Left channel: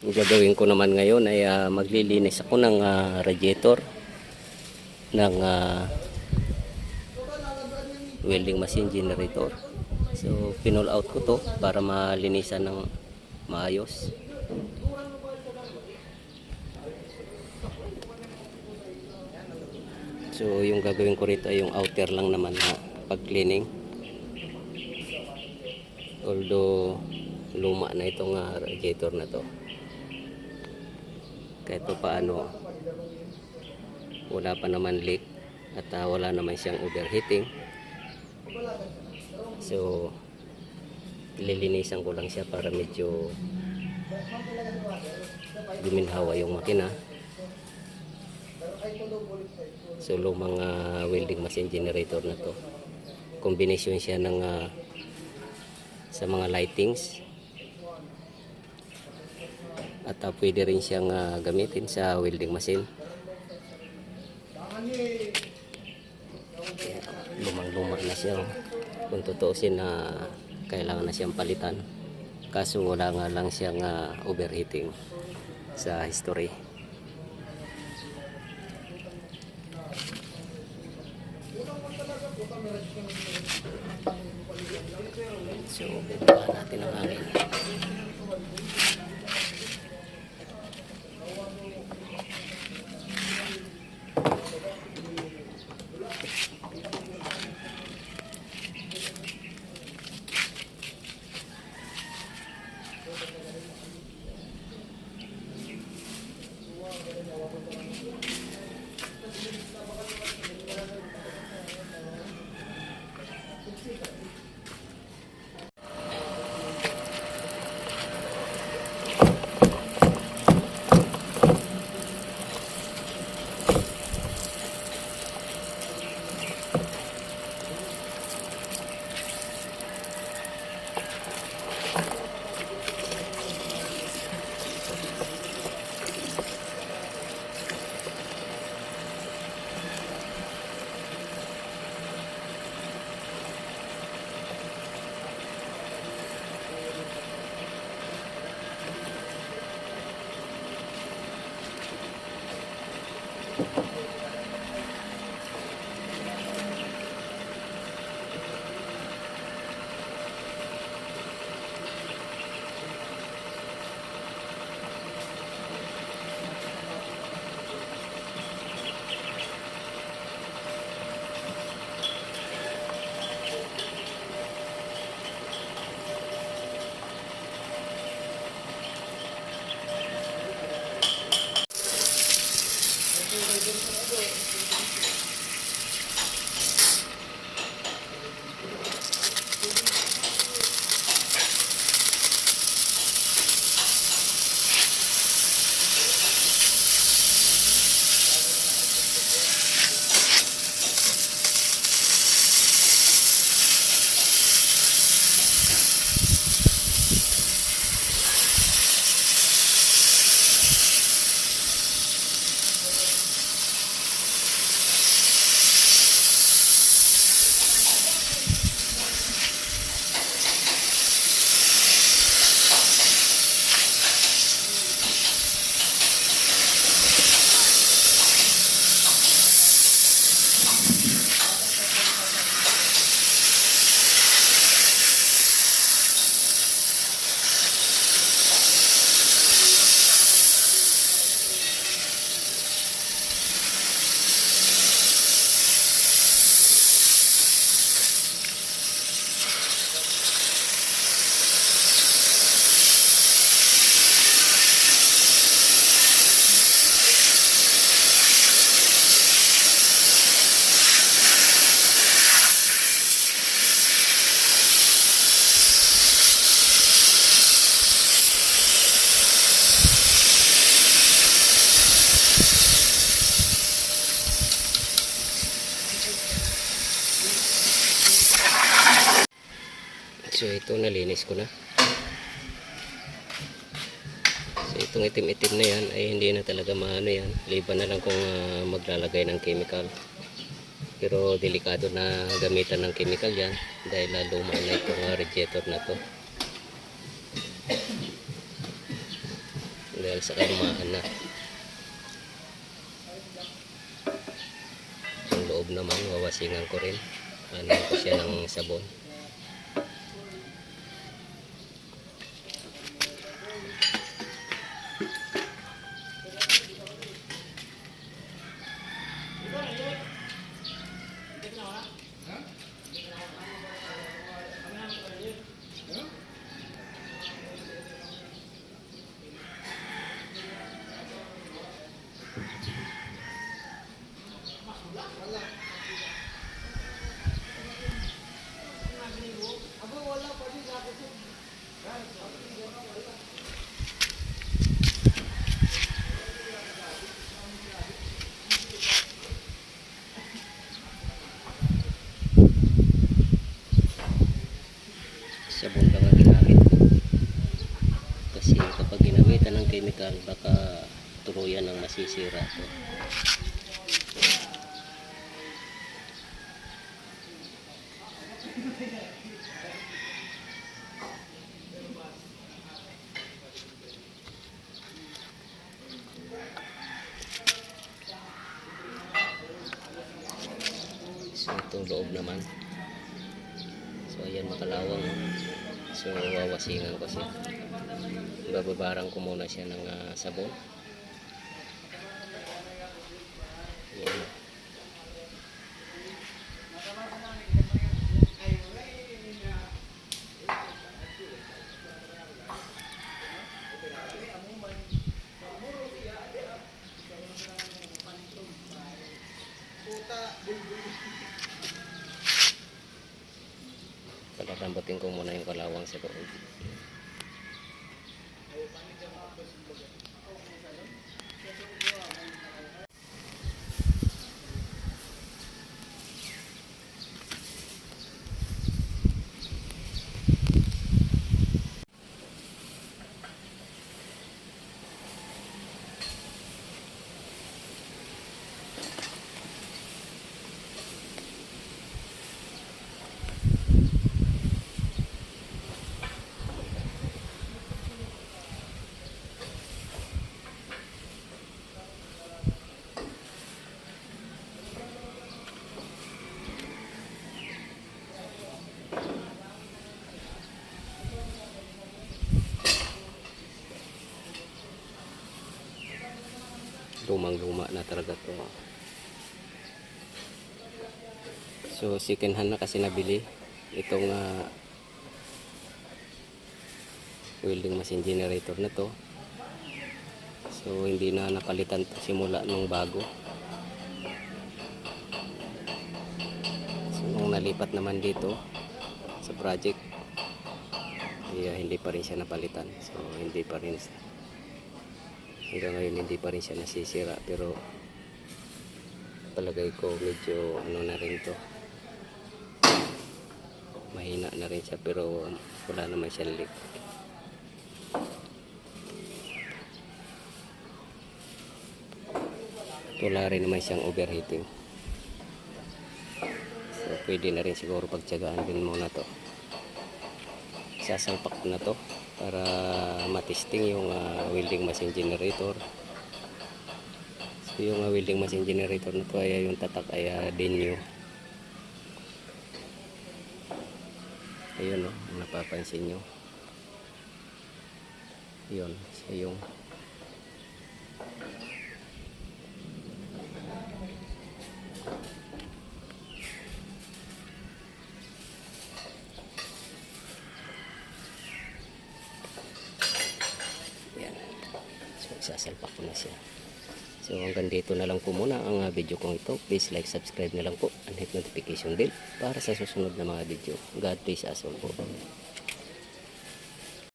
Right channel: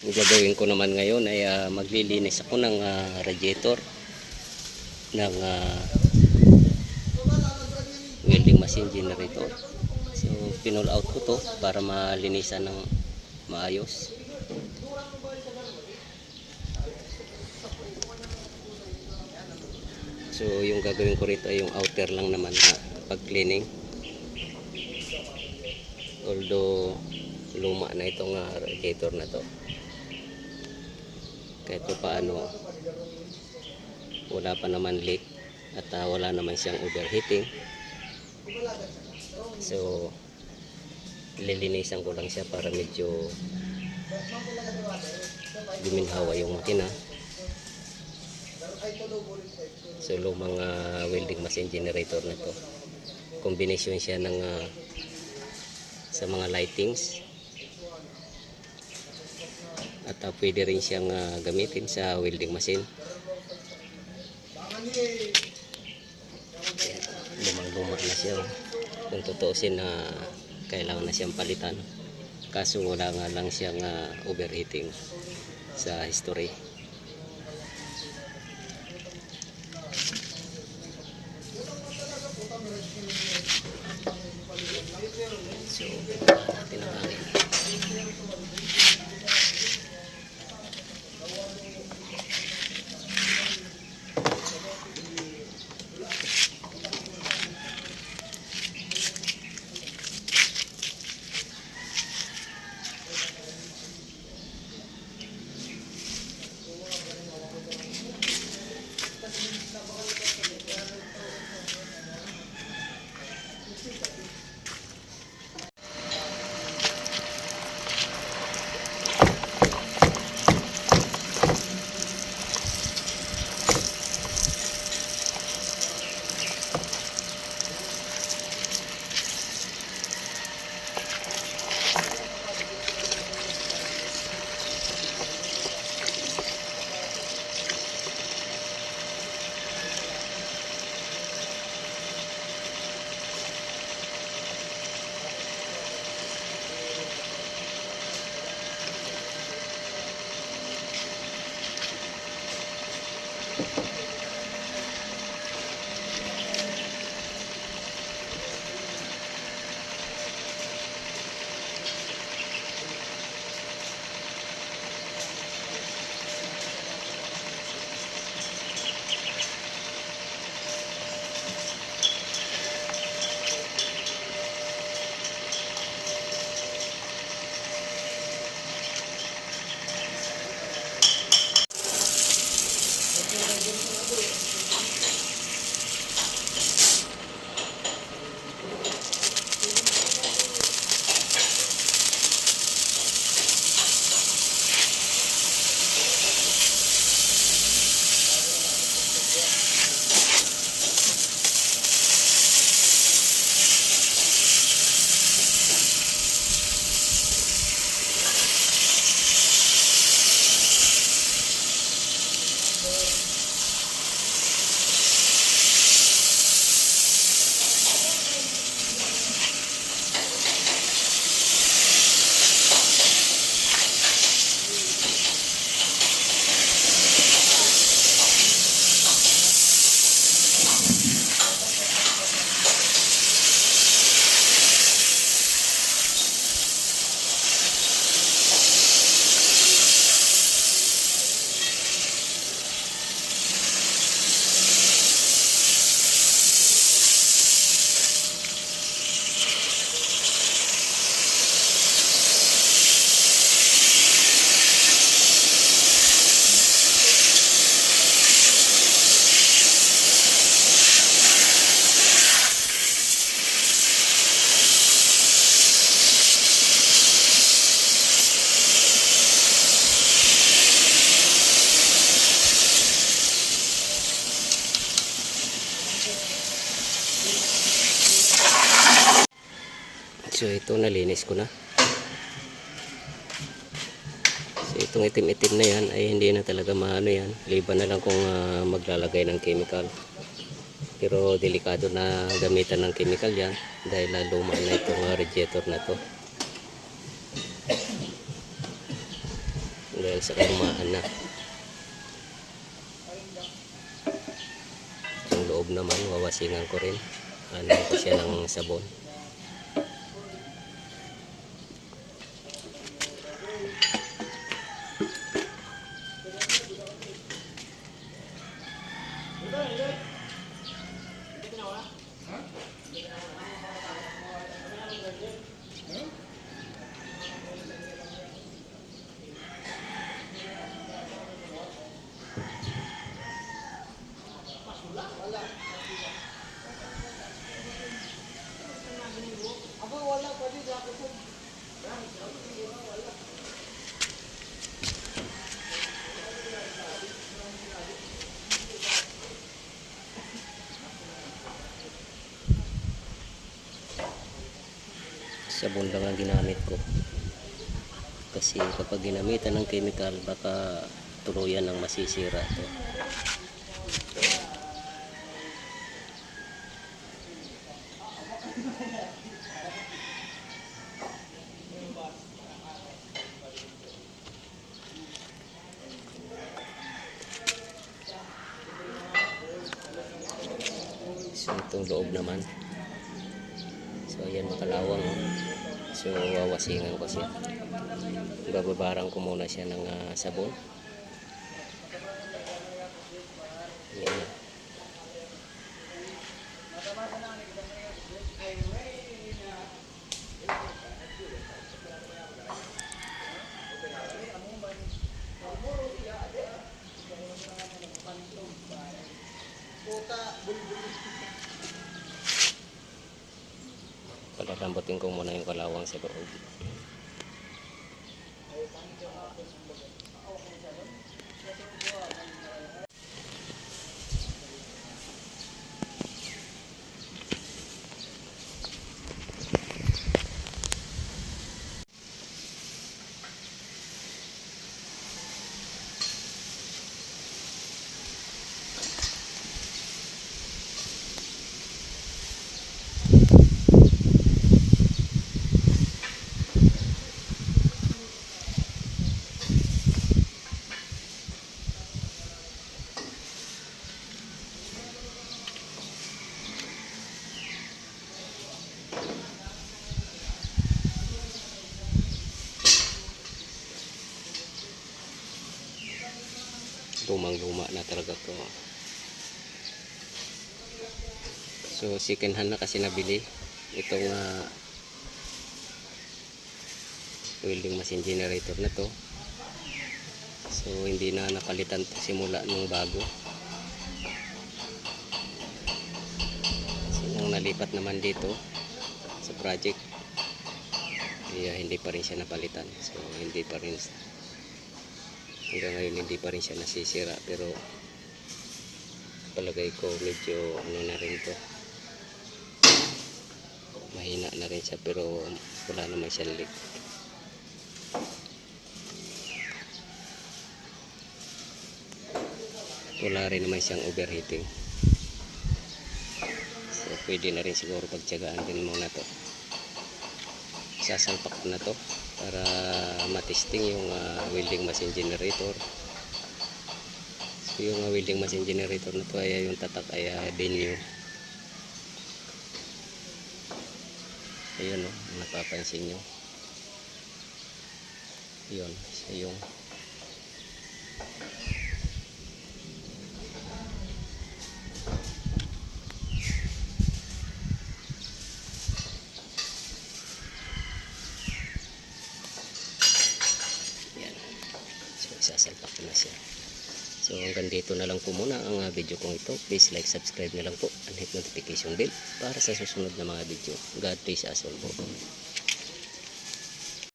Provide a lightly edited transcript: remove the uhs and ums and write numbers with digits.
Ang gagawin ko naman ngayon ay maglilinis ako ng radiator ng welding machine generator. So pinull out ko to para malinisan ng maayos. So yung gagawin ko rito ay yung outer lang naman na pag-cleaning. Although luma na itong radiator na to, kahit pa paano wala pa naman leak at wala naman siyang overheating. So lilinisan ko lang siya para medyo guminhawa yung makina. So lumang welding machine generator na to, kombinasyon siya ng sa mga lightings at pwede rin siyang gamitin sa welding machine. Lumang-luma na siya. Kung tutuusin na kailangan na siyang palitan, kaso wala nga lang siyang overheating sa history. So baba natin ang hangin. So ito, nalinis ko na. So itong itim-itim na yan ay hindi na talaga maano yan. Liban na lang kung maglalagay ng chemical. Pero delikado na gamitan ng chemical yan dahil luma na itong radiator na to. dahil sa kalumaan na. Yung loob naman wawasingan ko rin, ano ko siya ng sabon. Sabon lang ang ginamit ko kasi kapag ginamitan ng chemical baka tuluyan ng masisira to. So itong loob naman, so ayan makalawang, so wawasingan ko siya, bababarang ko muna siya ng sabon. Ayan. Palalambutin ko muna yung kalawang sa loob. Lumang-luma na talaga to. So second hand na kasi nabili itong welding machine generator na to. So hindi na napalitan to simula nung bago. So nung nalipat naman dito sa project, hindi pa rin siya napalitan. So hindi pa rin, hanggang ngayon hindi pa rin siya nasisira, pero palagay ko medyo ano na rin to, mahina na rin siya, pero wala naman siyang leak. Wala rin naman siyang overheating, so pwede na rin siguro pagtiyagaan din muna to. Sasalpak ko na to para matesting yung welding machine generator. So yung welding machine generator na to ay yung tatak ay Denyo. Ayun, napapansin nyo, yun siya yung sasalpak ko na siya. So hanggang dito na lang po muna ang video kong ito. Please like, subscribe na lang po and hit notification bell para sa susunod na mga video. God bless us all po.